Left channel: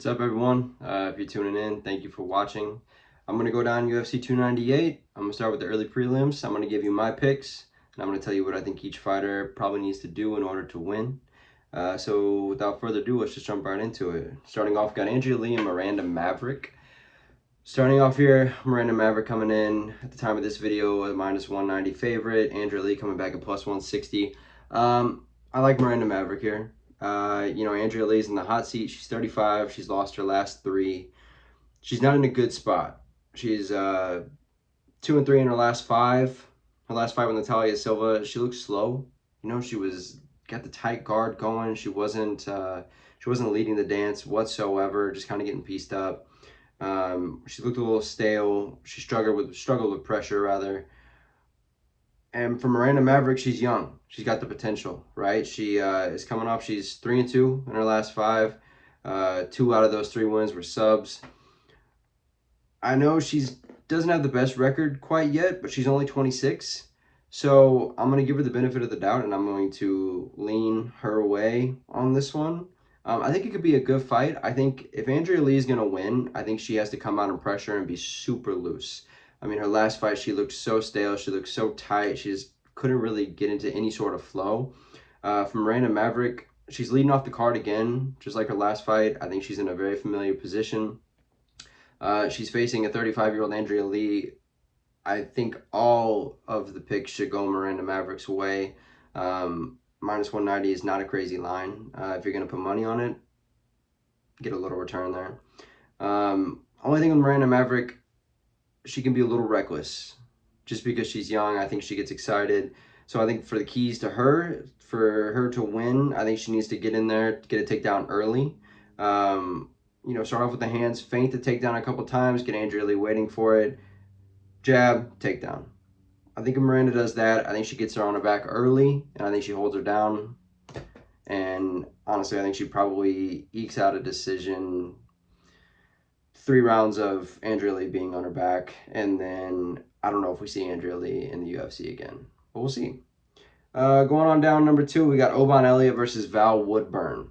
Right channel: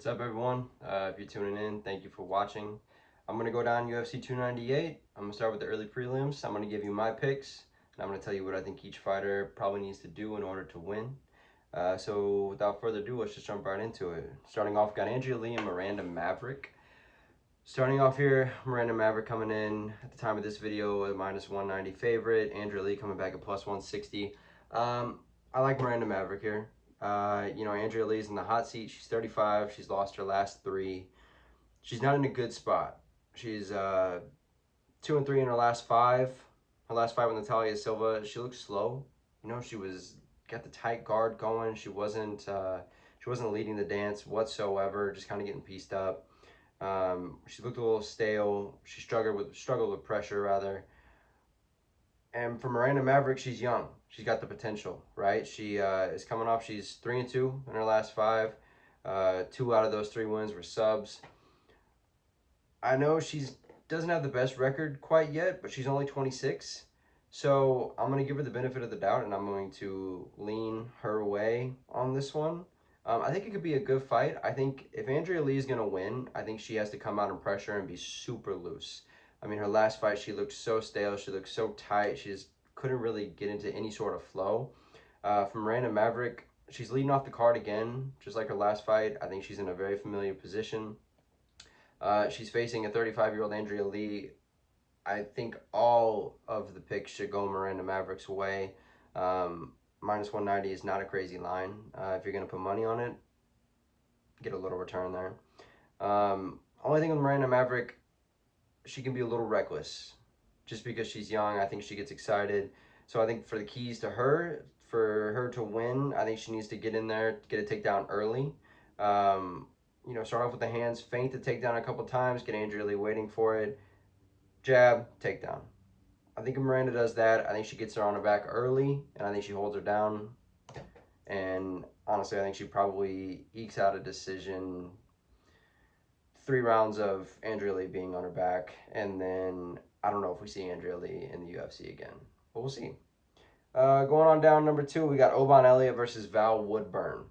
What's up, everyone? If you're tuning in, thank you for watching. I'm going to go down UFC 298. I'm going to start with the early prelims. I'm going to give you my picks, and I'm going to tell you what I think each fighter probably needs to do in order to win. So without further ado, let's just jump right into it. Starting off, got Andrea Lee and Miranda Maverick. Starting off here, Miranda Maverick coming in at the time of this video, a -190 favorite. Andrea Lee coming back at +160. I like Miranda Maverick here. Andrea Lee's in the hot seat. She's 35. She's lost her last 3. She's not in a good spot. She's 2-3 in her last 5. Her last fight with Natalia Silva, she looked slow. She got the tight guard going. She wasn't leading the dance whatsoever. Just kind of getting pieced up. She looked a little stale. She struggled with pressure rather. And for Miranda Maverick, she's young. She's got the potential, right? She is coming off. She's 3-2 in her last 5. 2 out of those 3 wins were subs. I know she doesn't have the best record quite yet, but she's only 26. So I'm going to give her the benefit of the doubt, and I'm going to lean her way on this one. I think it could be a good fight. I think if Andrea Lee is going to win, I think she has to come out and pressure and be super loose. I mean, her last fight, she looked so stale. She looked so tight. She just couldn't really get into any sort of flow. From Miranda Maverick, she's leading off the card again, just like her last fight. I think she's in a very familiar position. She's facing a 35-year-old Andrea Lee. I think all of the picks should go Miranda Maverick's way. -190 is not a crazy line. If you're going to put money on it, get a little return there. Only thing with Miranda Maverick, she can be a little reckless. Just because she's young, I think she gets excited. So I think for the keys to her, for her to win, I think she needs to get in there, get a takedown early. Start off with the hands, feint the takedown a couple times, get Andrea Lee waiting for it. Jab, takedown. I think if Miranda does that, I think she gets her on her back early, and I think she holds her down. And honestly, I think she probably ekes out a decision. 3 rounds of Andrea Lee being on her back, and then I don't know if we see Andrea Lee in the UFC again, but we'll see. Going on down number 2, we got Oban Elliott versus Val Woodburn.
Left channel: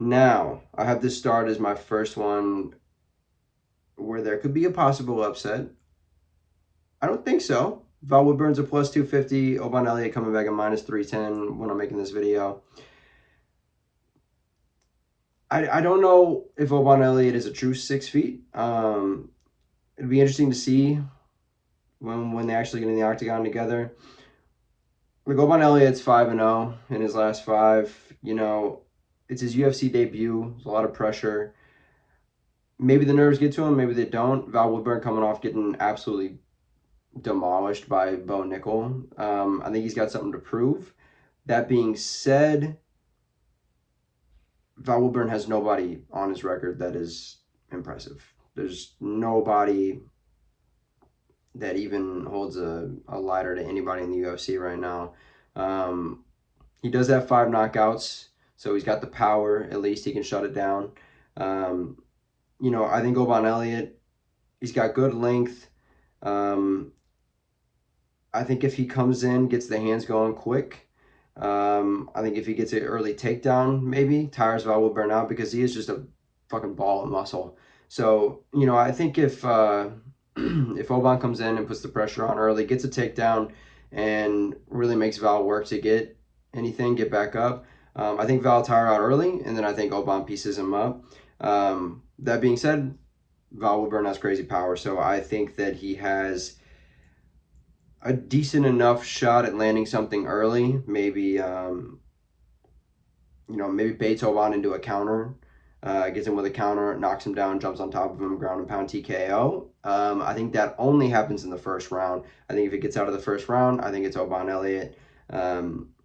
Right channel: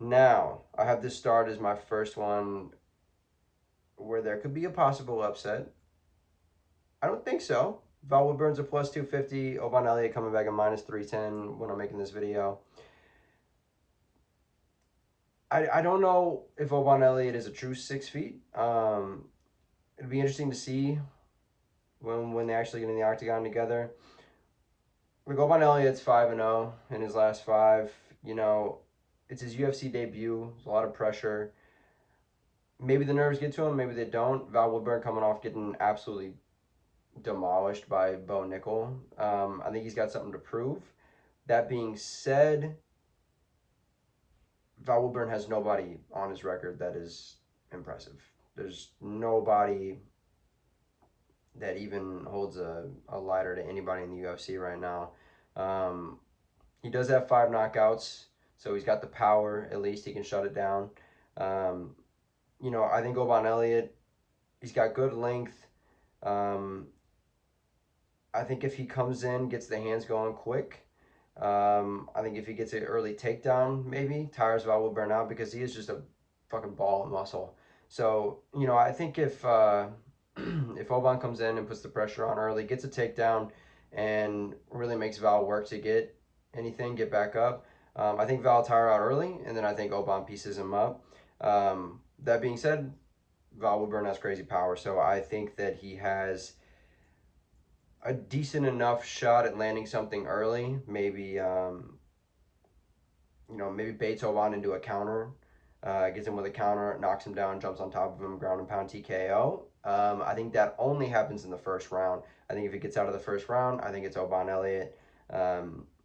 Now, I have this start as my first one where there could be a possible upset. I don't think so. Val Woodburn's a +250. Oban Elliott coming back at -310 when I'm making this video. I don't know if Oban Elliott is a true 6 feet. It'd be interesting to see when they actually get in the octagon together. Like, Oban Elliott's 5-0 in his last 5. It's his UFC debut. There's a lot of pressure. Maybe the nerves get to him, maybe they don't. Val Woodburn coming off getting absolutely demolished by Bo Nickel. I think he's got something to prove. That being said, Val Woodburn has nobody on his record that is impressive. There's nobody that even holds a lighter to anybody in the UFC right now. He does have 5 knockouts, so he's got the power. At least he can shut it down. I think Oban Elliott, he's got good length. I think if he comes in, gets the hands going quick, I think if he gets an early takedown, maybe tires Val Woodburn out, because he is just a fucking ball of muscle. So, I think if if Oban comes in and puts the pressure on early, gets a takedown, and really makes Val work to get back up, I think Val tire out early, and then I think Oban pieces him up. That being said, Val Woodburn has crazy power, so I think that he has a decent enough shot at landing something early. Maybe maybe baits Oban into a counter, gets him with a counter, knocks him down, jumps on top of him, ground and pound TKO. I think that only happens in the first round. I think if it gets out of the first round, I think it's Oban Elliott. I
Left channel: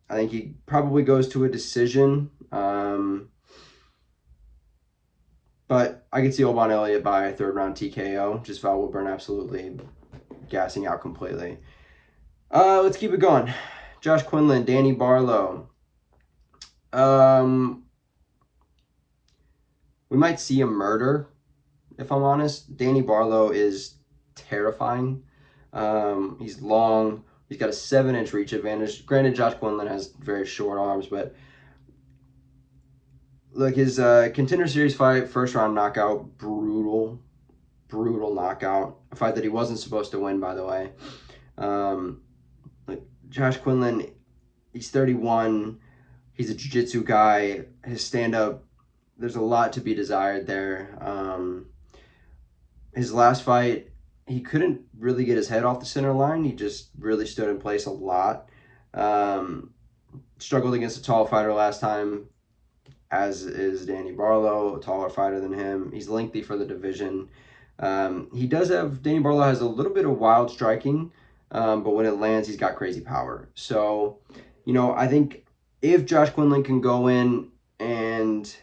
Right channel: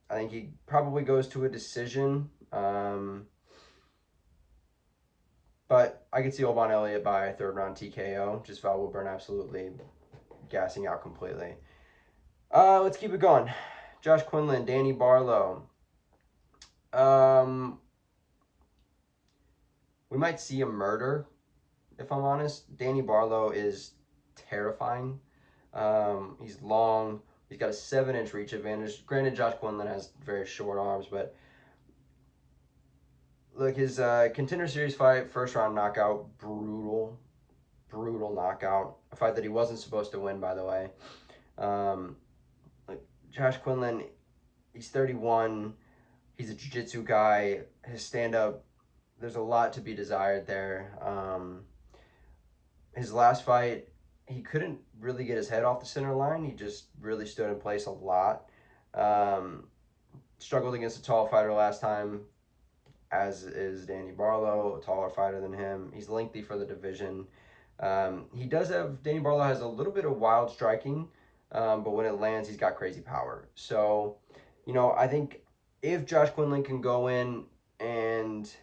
think he probably goes to a decision. But I could see Oban Elliott by a 3rd round TKO. Just Val Woodburn absolutely gassing out completely. Let's keep it going. Josh Quinlan, Danny Barlow. We might see a murder, if I'm honest. Danny Barlow is terrifying. He's long. He's got a 7-inch reach advantage. Granted, Josh Quinlan has very short arms, but Look, his Contender Series fight, first round knockout, brutal knockout. A fight that he wasn't supposed to win, by the way. Like Josh Quinlan, he's 31. He's a jiu-jitsu guy. His stand-up, there's a lot to be desired there. His last fight, he couldn't really get his head off the center line. He just really stood in place a lot. Struggled against a tall fighter last time, as is Danny Barlow, a taller fighter than him. He's lengthy for the division. Danny Barlow has a little bit of wild striking, but when it lands, he's got crazy power. So, I think if Josh Quinlan can go in and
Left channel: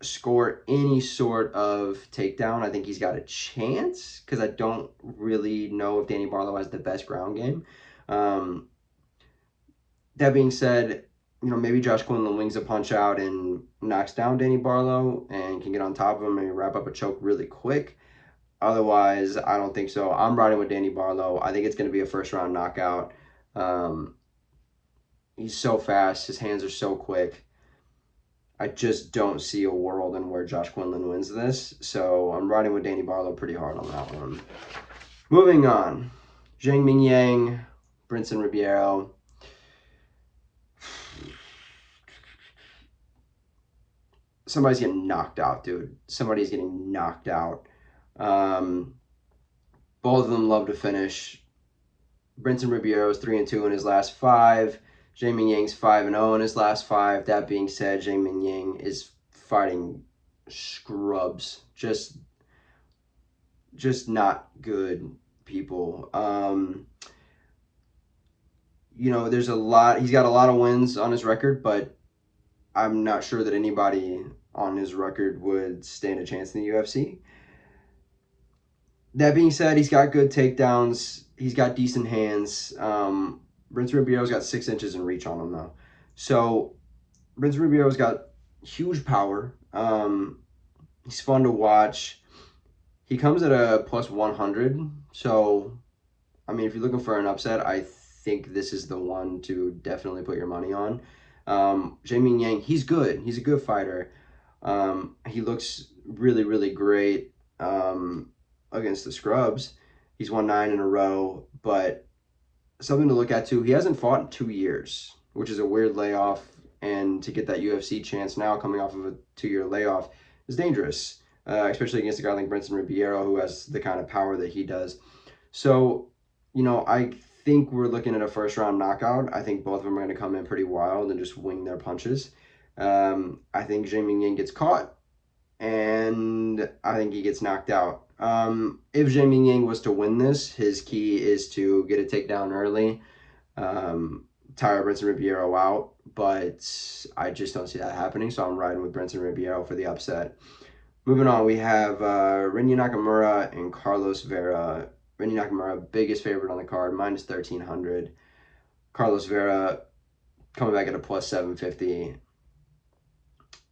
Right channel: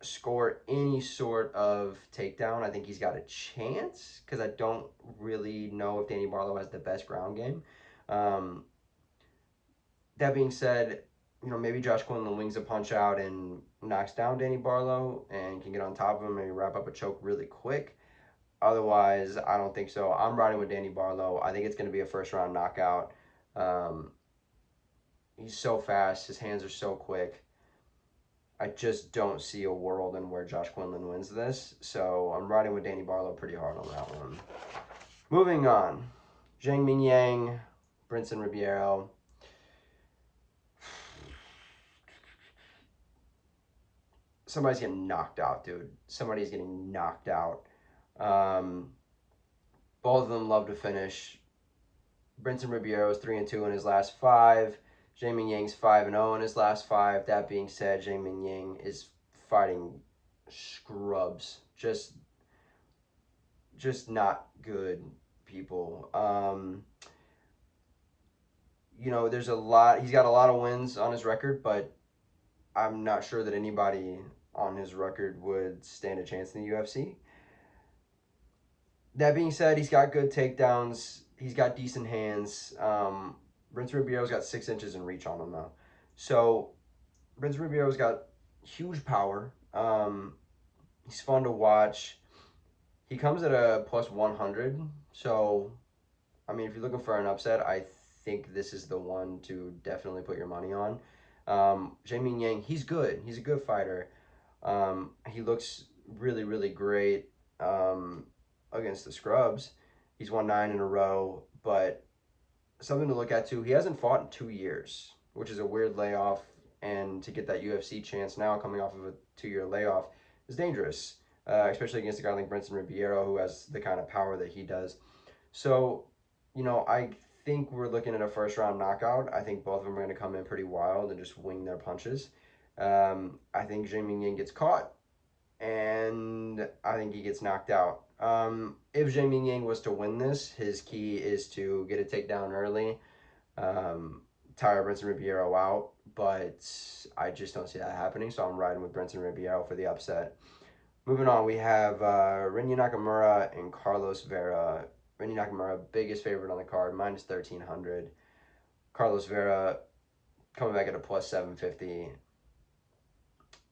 score any sort of takedown, I think he's got a chance, because I don't really know if Danny Barlow has the best ground game. That being said, maybe Josh Quinlan wings a punch out and knocks down Danny Barlow and can get on top of him and wrap up a choke really quick. Otherwise, I don't think so. I'm riding with Danny Barlow. I think it's going to be a first-round knockout. He's so fast. His hands are so quick. I just don't see a world in where Josh Quinlan wins this. So I'm riding with Danny Barlow pretty hard on that one. Moving on. Zhang Mingyang, Brinson Ribeiro. Somebody's getting knocked out, dude. Somebody's getting knocked out. Both of them love to finish. Brinson Ribeiro is 3-2 in his last 5. Zhang Mingyang's 5-0 in his last 5. That being said, Zhang Mingyang is fighting scrubs. Just not good people. There's a lot. He's got a lot of wins on his record, but I'm not sure that anybody on his record would stand a chance in the UFC. That being said, he's got good takedowns. He's got decent hands. Brinson Ribeiro's got 6 inches in reach on him, though. So, Brinson Ribeiro's got huge power. He's fun to watch. He comes at a plus 100. So, if you're looking for an upset, I think this is the one to definitely put your money on. Zhang Mingyang, he's good. He's a good fighter. He looks really, really great against the scrubs. He's won 9 in a row, but something to look at too, he hasn't fought in 2 years, which is a weird layoff, and to get that UFC chance now coming off of a 2-year layoff is dangerous, especially against a guy like Brinson Ribeiro, who has the kind of power that he does. So, I think we're looking at a first-round knockout. I think both of them are going to come in pretty wild and just wing their punches. I think Zhang Mingyang gets caught, and I think he gets knocked out. If Zhang Mingyang was to win this, his key is to get a takedown early, tire Brinson Ribeiro out, but I just don't see that happening, so I'm riding with Brinson Ribeiro for the upset. Moving on, we have Rinya Nakamura and Carlos Vera. Rinya Nakamura, biggest favorite on the card, minus 1,300. Carlos Vera coming back at a plus 750.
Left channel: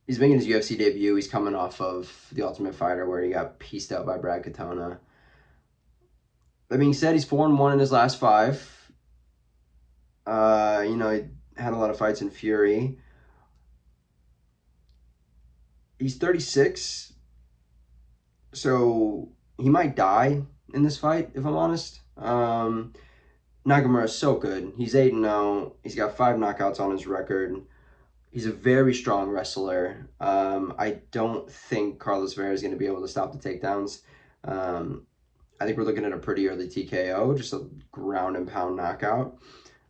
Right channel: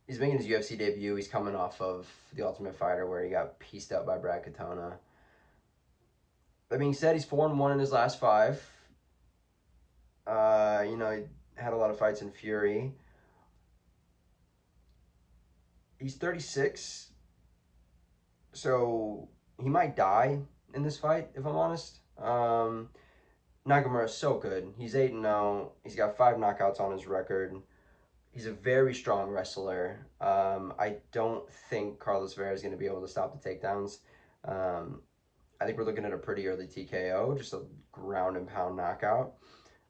He's making his UFC debut. He's coming off of The Ultimate Fighter, where he got pieced out by Brad Katona. That being said, he's 4-1 in his last 5. He had a lot of fights in Fury. He's 36, so he might die in this fight, if I'm honest. Nakamura is so good. He's 8-0. He's got 5 knockouts on his record. He's a very strong wrestler. I don't think Carlos Vera is going to be able to stop the takedowns. I think we're looking at a pretty early TKO, just a ground and pound knockout.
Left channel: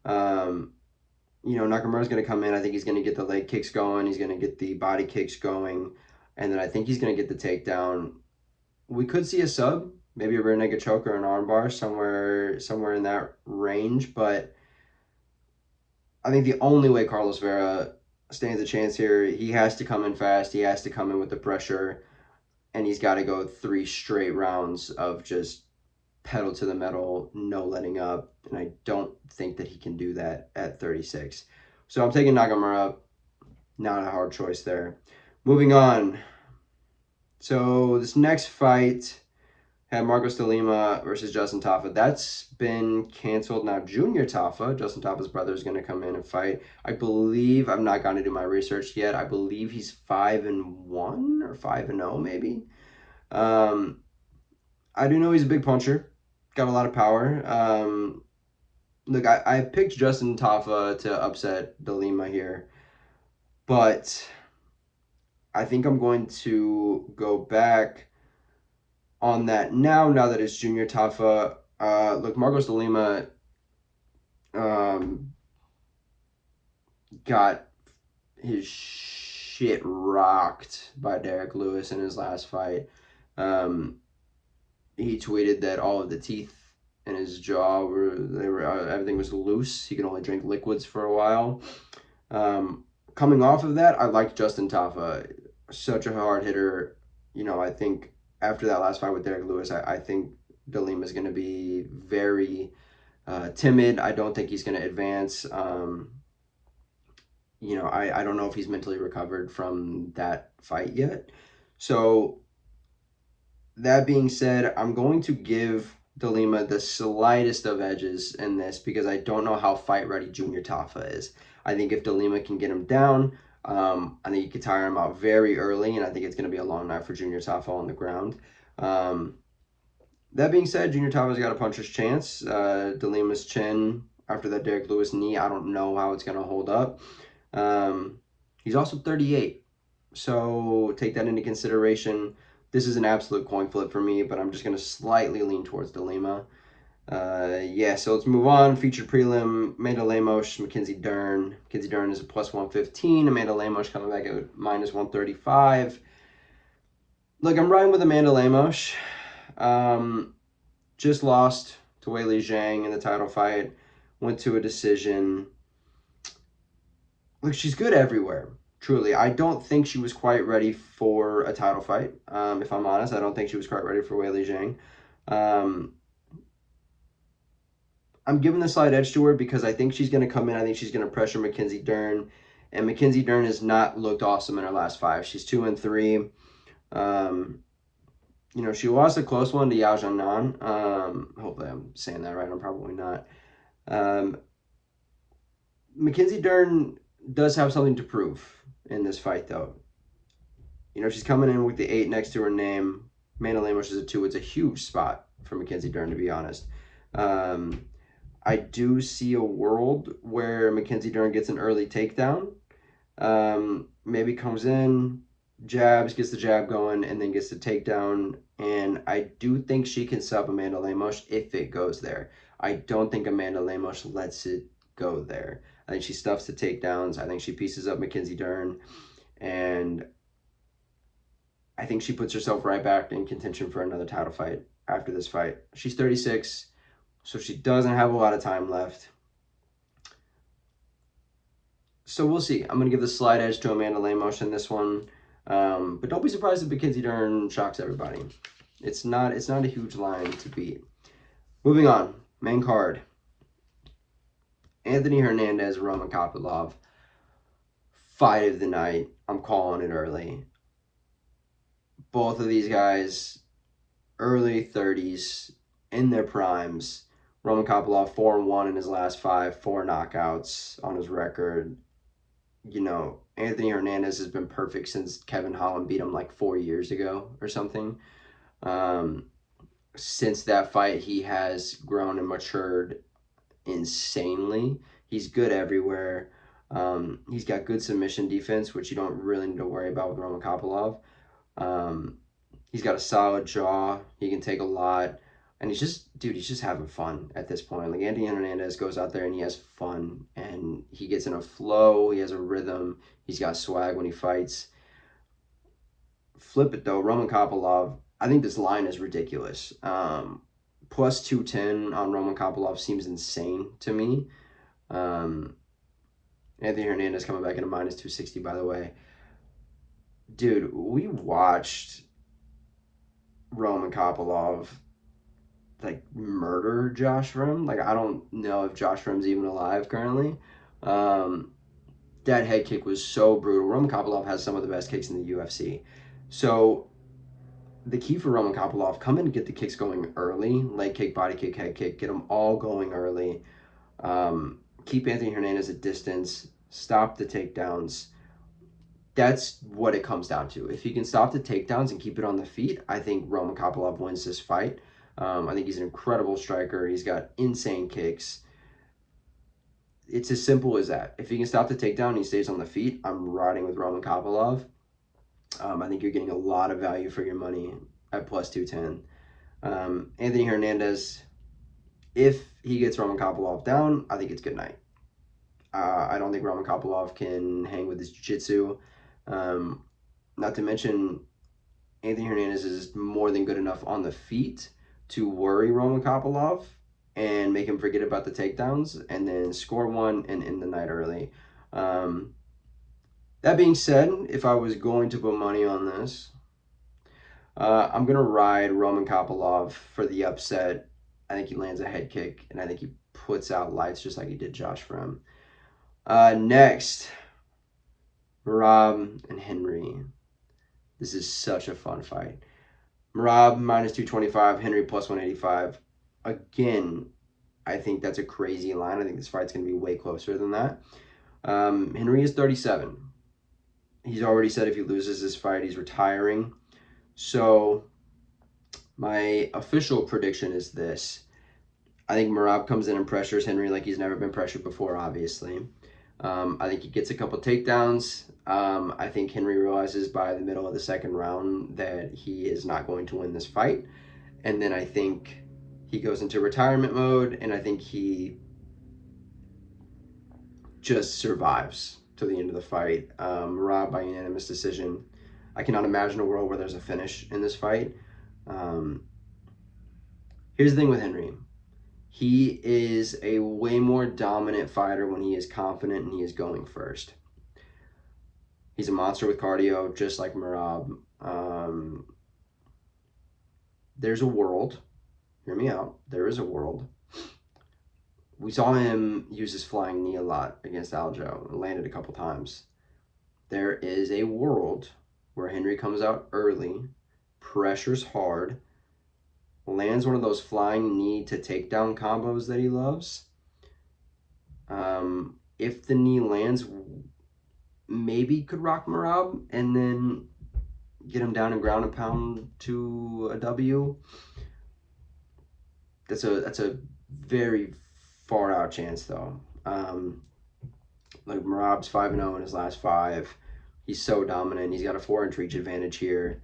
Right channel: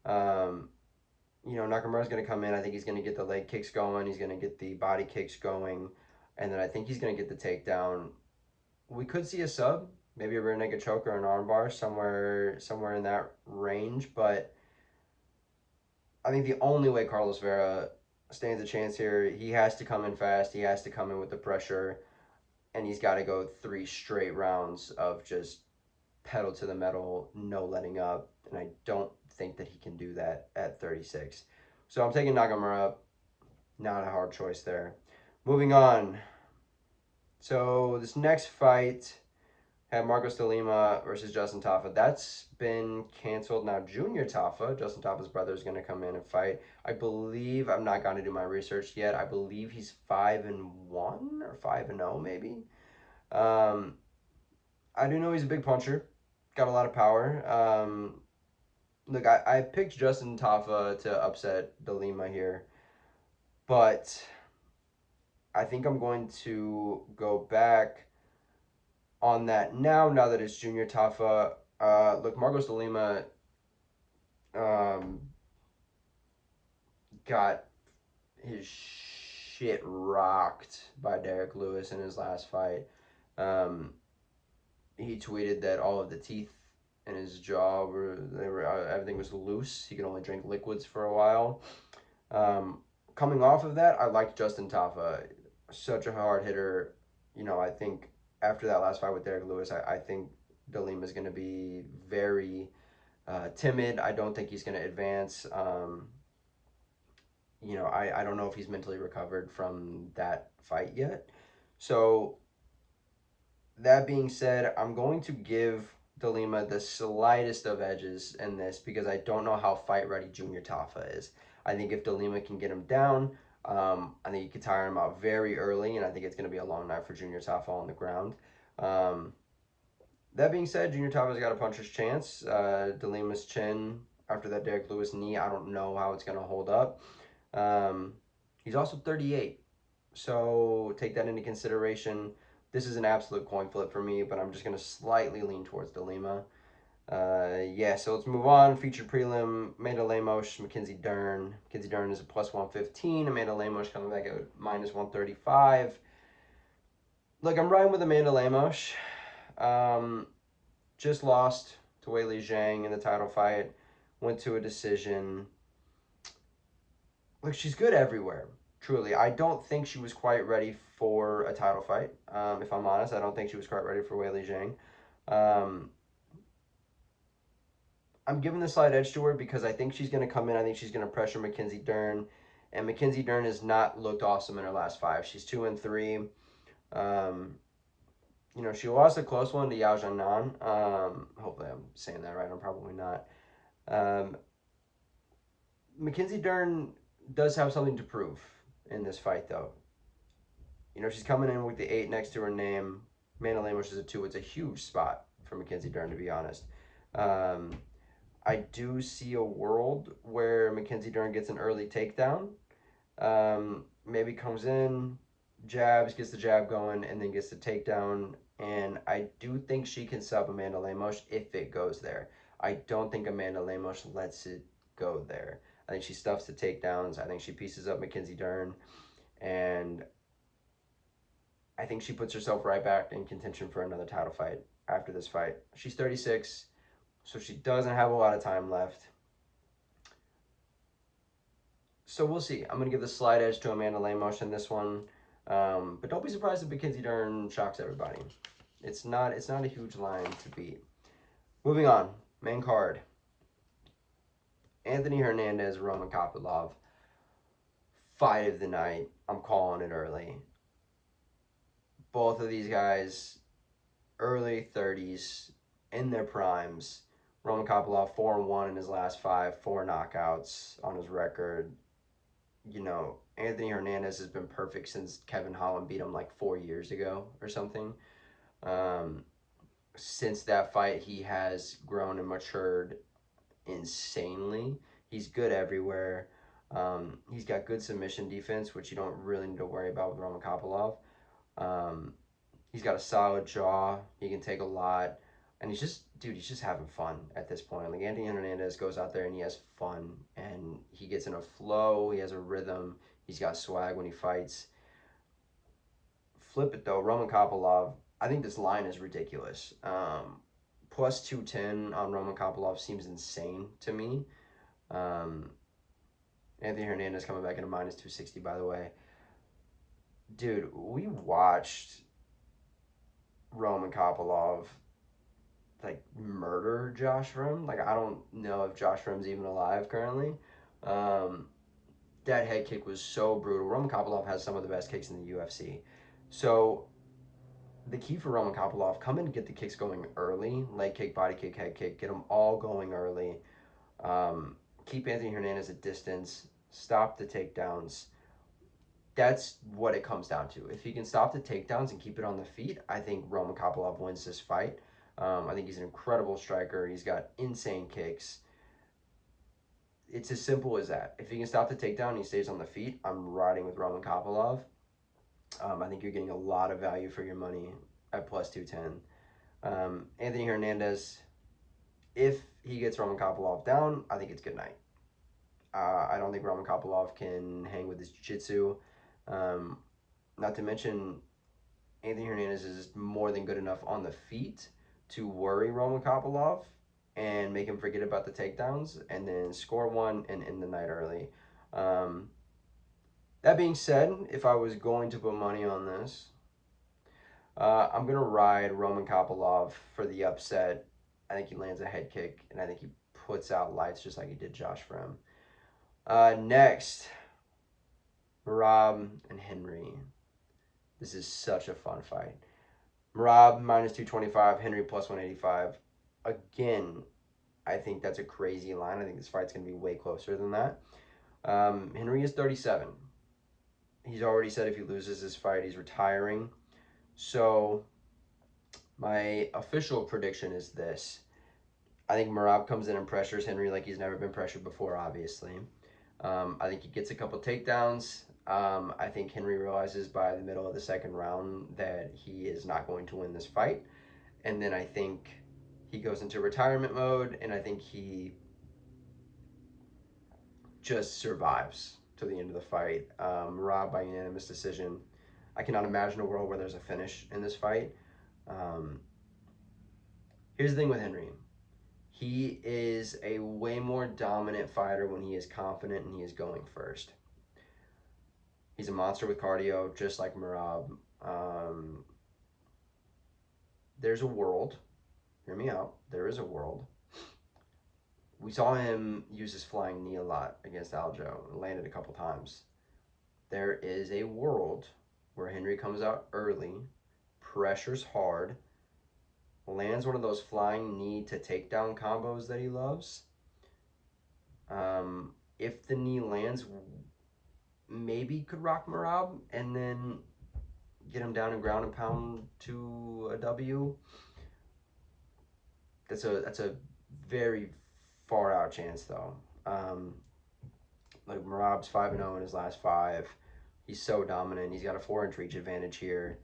Nakamura's going to come in. I think he's going to get the leg kicks going. He's going to get the body kicks going. And then I think he's going to get the takedown. We could see a sub, maybe a rear naked choke or an armbar, somewhere in that range. But I think the only way Carlos Vera stands a chance here, he has to come in fast. He has to come in with the pressure. And he's got to go 3 straight rounds of just pedal to the metal, no letting up. And I don't think that he can do that at 36. So I'm taking Nakamura. Not a hard choice there. Moving on. So this next fight, had Marcos de Lima versus Justin Tafa. That's been canceled now. Junior Tafa, Justin Tafa's brother, is going to come in and fight. I believe, I've not gone to do my research yet. I believe he's 5-1 or 5-0 maybe. I do know he's a big puncher, got a lot of power. Look, I picked Justin Tafa to upset de Lima here, but I think I'm going to go back on that now that it's Junior Tafa. Look, Marcos de Lima um, got his shit rocked by Derek Lewis in his last fight. Um, he tweeted that all of the teeth in his jaw were everything was loose. He could only drink liquids for a while. Coming off of that, I liked Justin Tafa. Such a hard hitter. I think after that last fight with Derek Lewis, I think de Lima is going to be very timid. I don't think he's going to advance. I don't know if he's mentally recovered from that fight yet. So that being said, I'm going to give de Lima the slightest of edges in this because I don't know how fight ready Junior Tafa is. I think if de Lima can get him down, I think he could tire him out very early, and I think it's going to be a long night for Junior Tafa on the ground. That being said, Junior Tafa's got a puncher's chance. De Lima's chin after that Derek Lewis knee, I don't know how it's going to hold up. He's also 38, so take that into consideration. This is an absolute coin flip for me, but I'm just going to slightly lean towards de Lima. So let's move on. Featured prelim, Amanda Lemos, Mackenzie Dern. Mackenzie Dern is a plus 115. Amanda Lemos coming back at minus 135. Look, I'm riding with Amanda Lemos. Just lost to Weili Zhang in the title fight. Went to a decision. Look, she's good everywhere. Truly, I don't think she was quite ready for a title fight. If I'm honest, I don't think she was quite ready for Weili Zhang. I'm giving the slight edge to her because I think she's going to come in. I think she's going to pressure Mackenzie Dern. And Mackenzie Dern has not looked awesome in her last 5. She's 2-3. She lost a close one to Yao Jianan. Hopefully I'm saying that right. I'm probably not. Mackenzie Dern does have something to prove in this fight, though. She's coming in with the 8 next to her name. Amanda Lemos is a 2. It's a huge spot for Mackenzie Dern, to be honest. I do see a world where Mackenzie Dern gets an early takedown. Maybe comes in, jabs, gets the jab going, and then gets the takedown. And I do think she can sub Amanda Lemos if it goes there. I don't think Amanda Lemos lets it go there. I think she stuffs the takedowns. I think she pieces up Mackenzie Dern. And I think she puts herself right back in contention for another title fight after this fight. She's 36, so she doesn't have a lot of time left. So we'll see. I'm going to give the slight edge to Amanda Lemos in this one. But don't be surprised if Mackenzie Dern shocks everybody. It's not a huge line to beat. Moving on. Main card. Anthony Hernandez, Roman Kopylov. Fight of the night. I'm calling it early. Both of these guys, early 30s, in their primes. Roman Kopylov, 4-1 in his last 5, 4 knockouts on his record. Anthony Hernandez has been perfect since Kevin Holland beat him like 4 years ago or something. Since that fight, he has grown and matured insanely. He's good everywhere. He's got good submission defense, which you don't really need to worry about with Roman Kopylov. He's got a solid jaw. He can take a lot. And he's just having fun at this point. Like, Anthony Hernandez goes out there and he has fun. And he gets in a flow. He has a rhythm. He's got swag when he fights. Flip it, though. Roman Kopylov, I think this line is ridiculous. Plus 210 on Roman Kopylov seems insane to me. Anthony Hernandez coming back in a minus 260, by the way. Dude, we watched Roman Kopylov like murder Josh Rim. Like, I don't know if Josh Rim's even alive currently. That head kick was so brutal. Roman Kopylov has some of the best kicks in the UFC. So the key for Roman Kopylov, come in and get the kicks going early. Leg kick, body kick, head kick. Get them all going early. Keep Anthony Hernandez at distance. Stop the takedowns. That's what it comes down to. If he can stop the takedowns and keep it on the feet, I think Roman Kopylov wins this fight. I think he's an incredible striker. He's got insane kicks. It's as simple as that. If he can stop the takedown and he stays on the feet, I'm riding with Roman Kopylov. I think you're getting a lot of value for your money at plus 210. Anthony Hernandez, if he gets Roman Kopylov down, I think it's good night. I don't think Roman Kopylov can hang with his jiu-jitsu. Not to mention, Anthony Hernandez is more than good enough on the feet to worry Roman Kopylov and make him forget about the takedowns and then score one and end the night early. That being said, if I was going to put money on this, I'm going to ride Roman Kopylov for the upset. I think he lands a head kick, and I think he puts out lights just like he did Josh Frim. Next, Merab and Henry. This is such a fun fight. Merab minus 225, Henry plus 185. Again, I think that's a crazy line. I think this fight's going to be way closer than that. Henry is 37. He's already said if he loses this fight, he's retiring. So my official prediction is this. I think Merab comes in and pressures Henry like he's never been pressured before, obviously. I think he gets a couple takedowns. I think Henry realizes by the middle of the second round that he is not going to win this fight. And then I think he goes into retirement mode, and I think he just survives to the end of the fight. Merab by unanimous decision. I cannot imagine a world where there's a finish in this fight. Here's the thing with Henry. He is a way more dominant fighter when he is confident and he is going first. He's a monster with cardio, just like Merab. There's a world. Hear me out. There is a world. We saw him use his flying knee a lot against Aljo. It landed a couple times. There is a world where Henry comes out early, pressures hard, lands one of those flying knee to takedown combos that he loves. If the knee lands, maybe could rock Merab and then get him down and ground and pound to a W. That's a very far out chance though. Like Merab's 5-0 in his last 5. He's so dominant. He's got a 4-inch reach advantage here.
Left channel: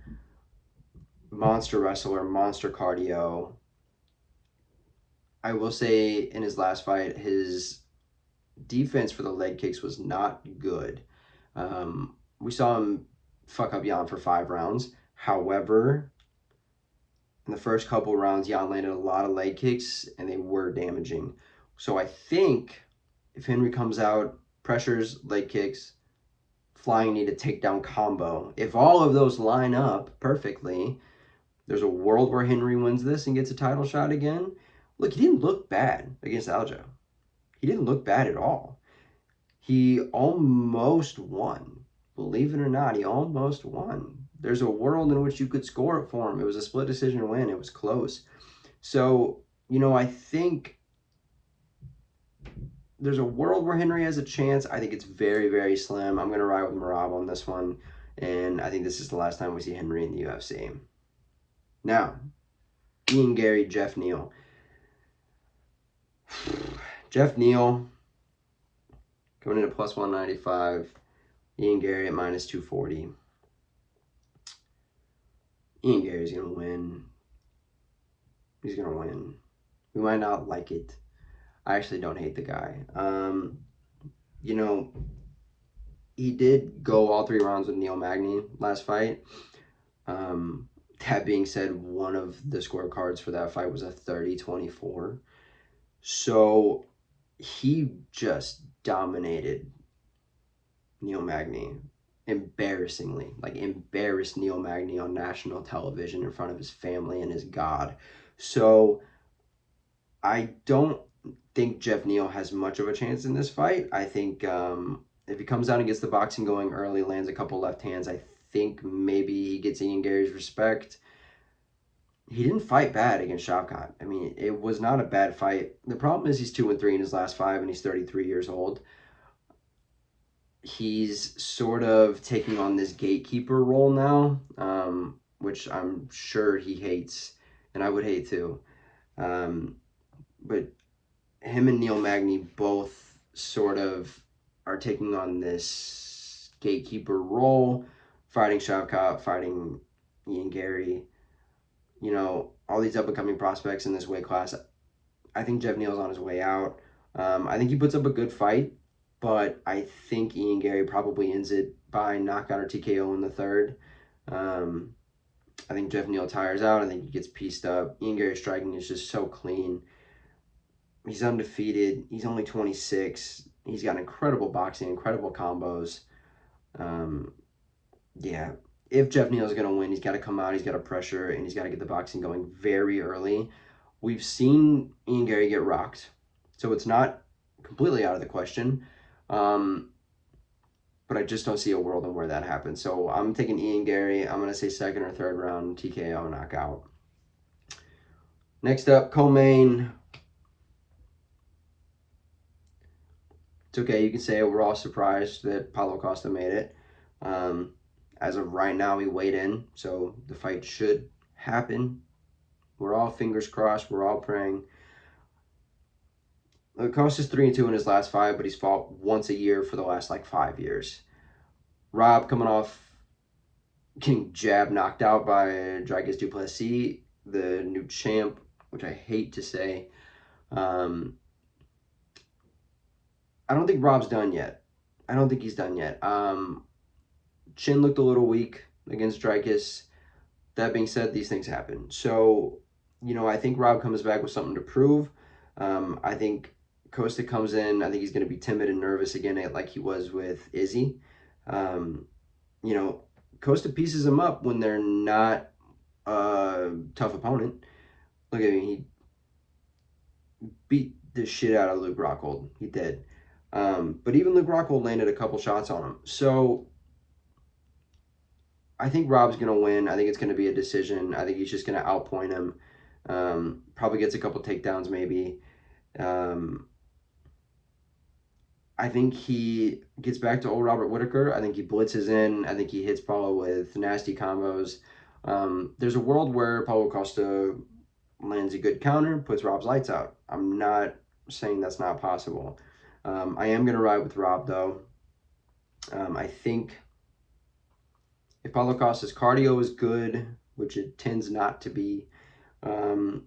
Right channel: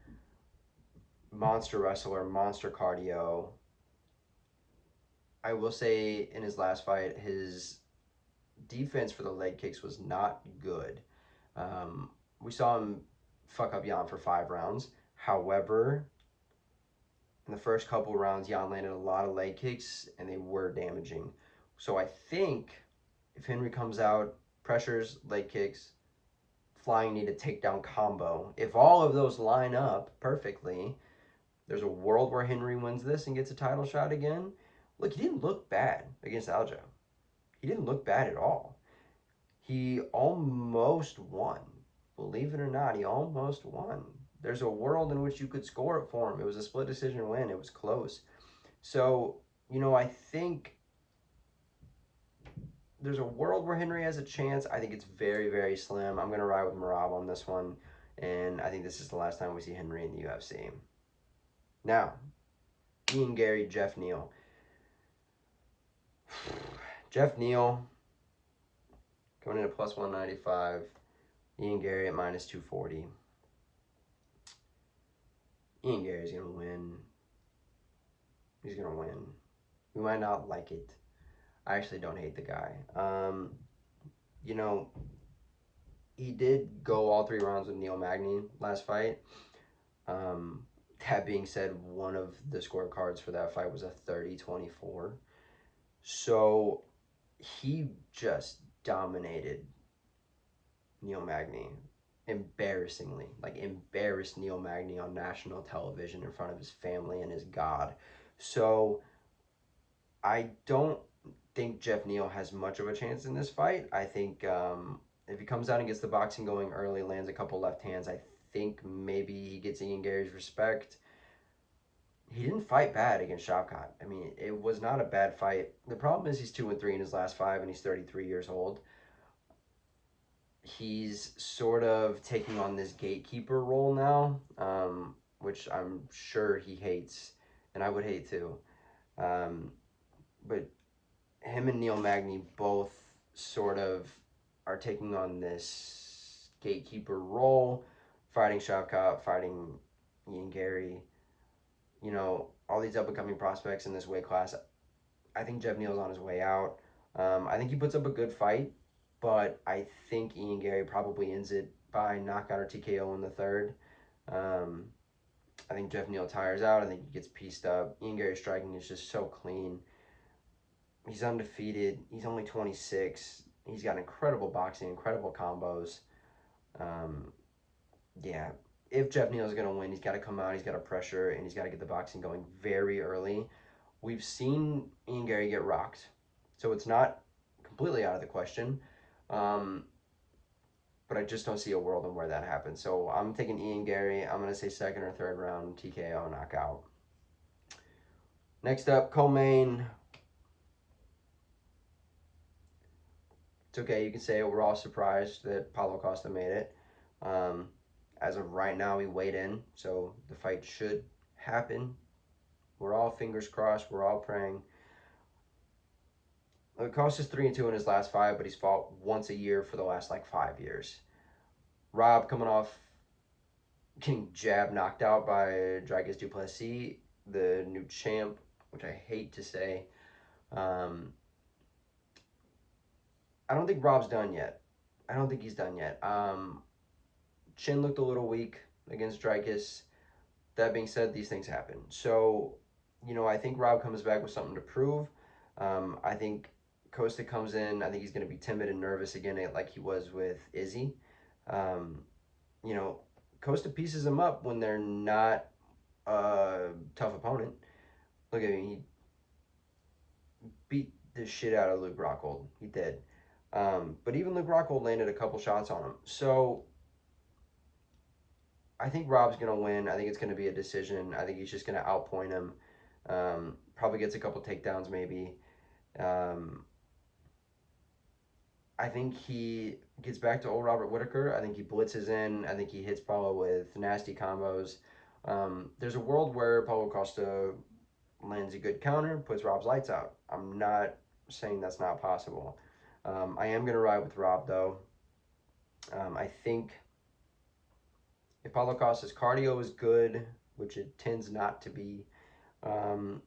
Monster wrestler, monster cardio. I will say in his last fight, his defense for the leg kicks was not good. We saw him fuck up Jan for 5 rounds. However, in the first couple rounds, Jan landed a lot of leg kicks, and they were damaging. So I think if Henry comes out, pressures, leg kicks, flying knee to takedown combo, if all of those line up perfectly, there's a world where Henry wins this and gets a title shot again. Look, he didn't look bad against Aljo. He didn't look bad at all. He almost won. Believe it or not, he almost won. There's a world in which you could score it for him. It was a split decision win. It was close. So, I think there's a world where Henry has a chance. I think it's very, very slim. I'm going to ride with Merab on this one. And I think this is the last time we see Henry in the UFC. Now, Ian Garry, Jeff Neal. Jeff Neal going into plus 195. Ian Garry at minus 240. Ian Garry's going to win. He's going to win. We might not like it. I actually don't hate the guy. He did go all 3 rounds with Neal Magny last fight. That being said, one of the scorecards for that fight was a 30-24. So he just dominated Neal Magny embarrassingly. Like, embarrassed Neal Magny on national television in front of his family and his God. So I don't think Jeff Neal has much of a chance in this fight. I think if he comes out and gets the boxing going early, lands a couple left hands, I think maybe he gets Ian Garry's respect. he didn't fight bad against Shavkat. I mean, it was not a bad fight. The problem is he's 2-3 in his last 5, and he's 33 years old. He's sort of taking on this gatekeeper role now, which I'm sure he hates, and I would hate too. But him and Neal Magny both sort of are taking on this gatekeeper role, fighting Shavkat, fighting Ian Garry, all these up-and-coming prospects in this weight class. I think Jeff Neal's on his way out. I think he puts up a good fight, but I think Ian Garry probably ends it by knockout or TKO in the third. I think Jeff Neal tires out. I think he gets pieced up. Ian Garry's striking is just so clean. He's undefeated. He's only 26. He's got incredible boxing, incredible combos. Yeah, if Jeff Neal is going to win, he's got to come out, he's got to pressure, and he's got to get the boxing going very early. We've seen Ian Garry get rocked, so it's not completely out of the question. But I just don't see a world in where that happens. So I'm taking Ian Garry. I'm going to say second or third round TKO knockout. Next up, co-main. It's okay, you can say it. We're all surprised that Paulo Costa made it. As of right now, he weighed in, so the fight should happen. We're all fingers crossed. We're all praying. Costa's 3-2 in his last 5, but he's fought once a year for the last 5 years. Rob coming off getting jab knocked out by Dricus Du Plessis, the new champ, which I hate to say. I don't think Rob's done yet. I don't think he's done yet. Chin looked a little weak against Dricus. That being said, these things happen. So, I think Rob comes back with something to prove. I think Costa comes in. I think he's going to be timid and nervous again, like he was with Izzy. Costa pieces him up when they're not a tough opponent. Look at him. He beat the shit out of Luke Rockhold. He did. But even Luke Rockhold landed a couple shots on him. So I think Rob's going to win. I think it's going to be a decision. I think he's just going to outpoint him. Probably gets a couple takedowns maybe. I think he gets back to old Robert Whittaker. I think he blitzes in. I think he hits Paulo with nasty combos. There's a world where Paulo Costa lands a good counter, puts Rob's lights out. I'm not saying that's not possible. I am going to ride with Rob, though. I think if Paulo Costa's cardio is good, which it tends not to be, and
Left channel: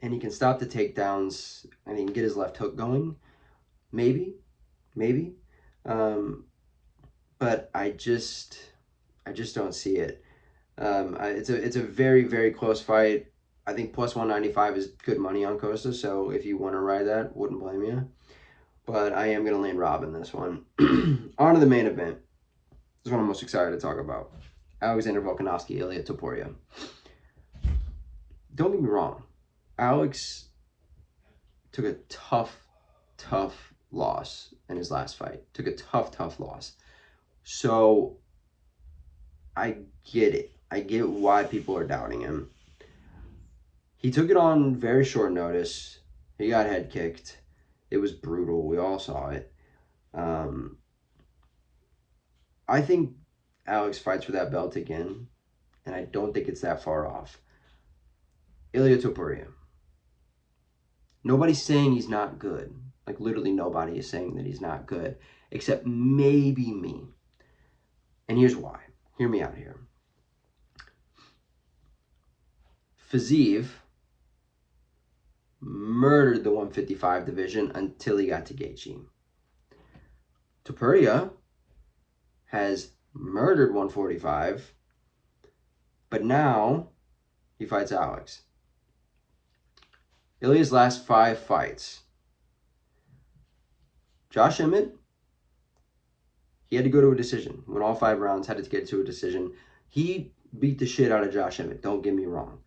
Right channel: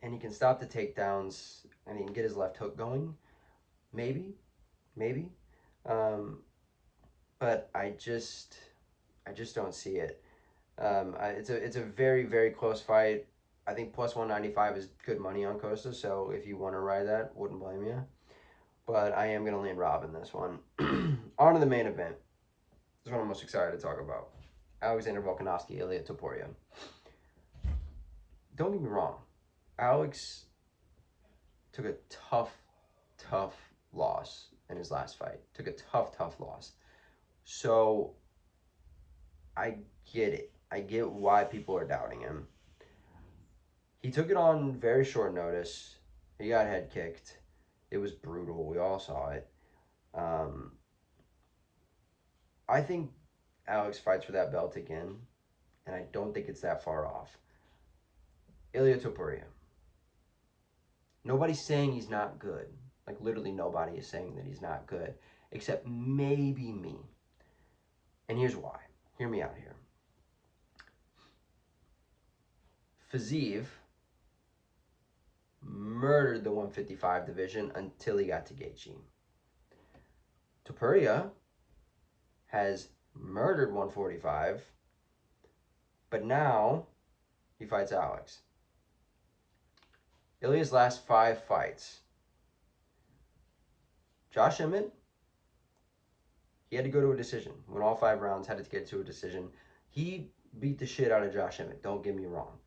he can stop the takedowns and he can get his left hook going, maybe. But I just don't see it. It's a very, very close fight. I think plus 195 is good money on Costa, so if you want to ride that, wouldn't blame you. But I am going to land Rob in this one. On to the main event. This is what I'm most excited to talk about. Alexander Volkanovski, Ilia Topuria. Don't get me wrong. Alex took a tough loss in his last fight. Took a tough loss. So I get it. I get why people are doubting him. He took it on very short notice. He got head kicked. It was brutal. We all saw it. I think Alex fights for that belt again, and I don't think it's that far off. Ilia Topuria. Nobody's saying he's not good. Literally nobody is saying that he's not good, except maybe me. And here's why. Hear me out here. Fiziev murdered the 155 division until he got to Gaethje. Topuria has murdered 145, but now he fights Alex. Ilia's last 5 fights. Josh Emmett, he had to go to a decision. Went all 5 rounds, had to get to a decision. He beat the shit out of Josh Emmett, don't get me wrong.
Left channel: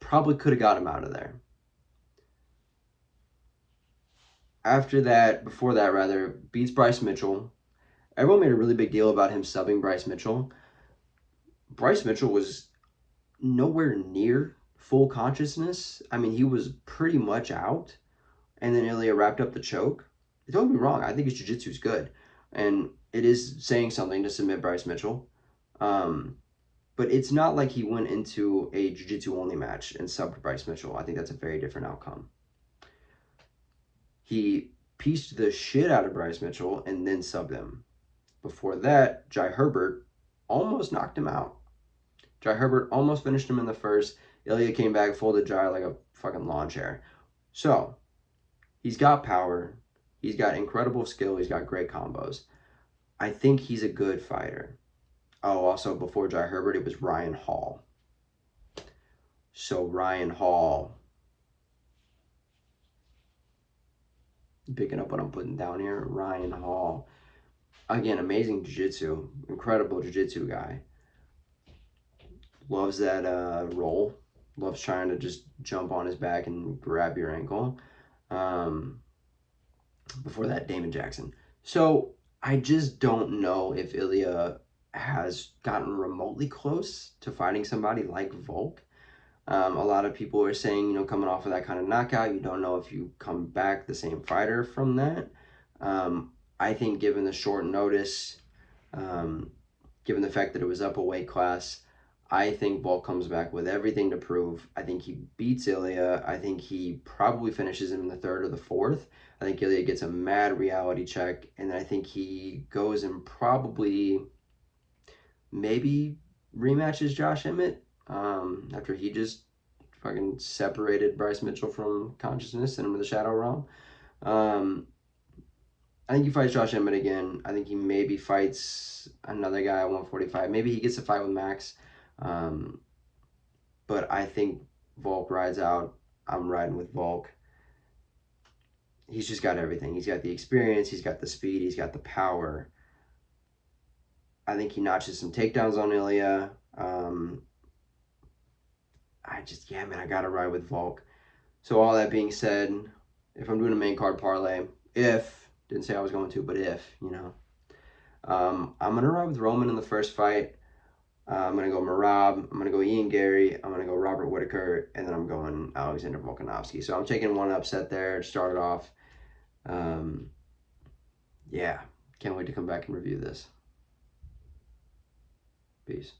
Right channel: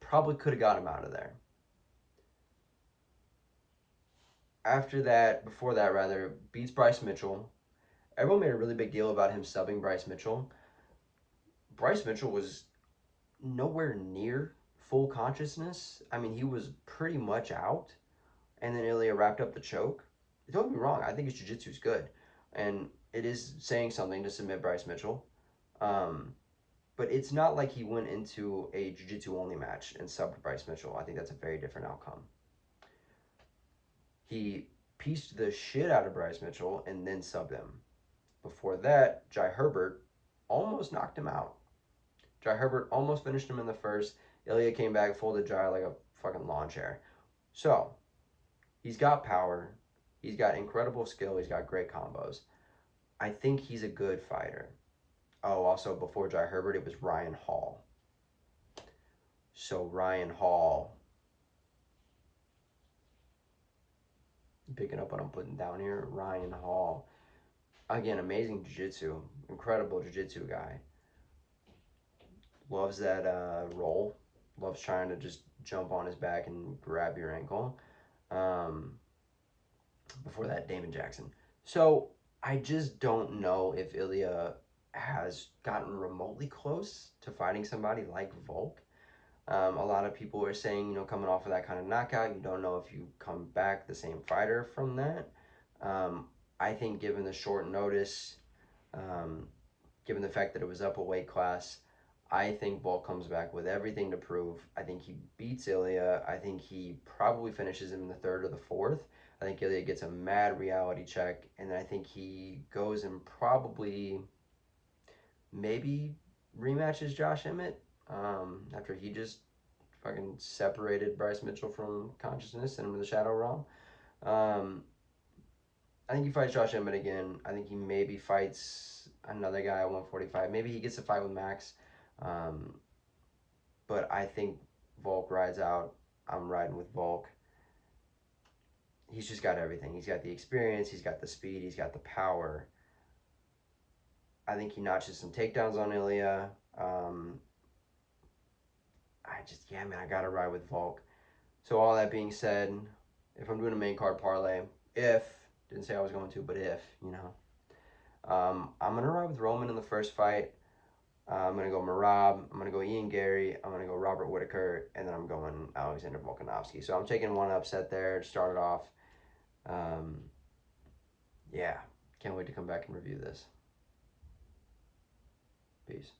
Probably could have got him out of there. Before that rather, beats Bryce Mitchell. Everyone made a really big deal about him subbing Bryce Mitchell. Bryce Mitchell was nowhere near full consciousness. I mean, he was pretty much out, and then Ilya wrapped up the choke. Don't get me wrong, I think his jiu-jitsu is good, and it is saying something to submit Bryce Mitchell. But it's not like he went into a jiu-jitsu only match and subbed Bryce Mitchell. I think that's a very different outcome. He pieced the shit out of Bryce Mitchell and then subbed him. Before that, Jai Herbert almost knocked him out. Jai Herbert almost finished him in the first. Ilya came back, folded Jai like a fucking lawn chair. So, he's got power. He's got incredible skill. He's got great combos. I think he's a good fighter. Oh, also, before Jai Herbert, it was Ryan Hall. So, Ryan Hall. Picking up what I'm putting down here. Ryan Hall. Again, amazing jiu-jitsu. Incredible jiu-jitsu guy. Loves that roll. Loves trying to just jump on his back and grab your ankle. Before that, Damon Jackson. So I just don't know if Ilya has gotten remotely close to fighting somebody like Volk. A lot of people are saying, you know, coming off of that kind of knockout, you don't know if you come back the same fighter from that. I think given the short notice, given the fact that it was up a weight class, I think Volk comes back with everything to prove. I think he beats Ilya. I think he probably finishes him in the third or the fourth. I think Ilya gets a mad reality check, and I think he goes and probably maybe rematches Josh Emmett after he just fucking separated Bryce Mitchell from consciousness, sent him to the shadow realm. I think he fights Josh Emmett again. I think he maybe fights another guy at 145. Maybe he gets a fight with Max. But I think Volk rides out. I'm riding with Volk. He's just got everything. He's got the experience. He's got the speed. He's got the power. I think he notches some takedowns on Ilya. I got to ride with Volk. So all that being said, if I'm doing a main card parlay, didn't say I was going to, but I'm going to ride with Roman in the first fight. I'm going to go Merab. I'm going to go Ian Garry. I'm going to go Robert Whittaker. And then I'm going Alexander Volkanovski. So I'm taking one upset there to start it off. Yeah. Can't wait to come back and review this. Peace.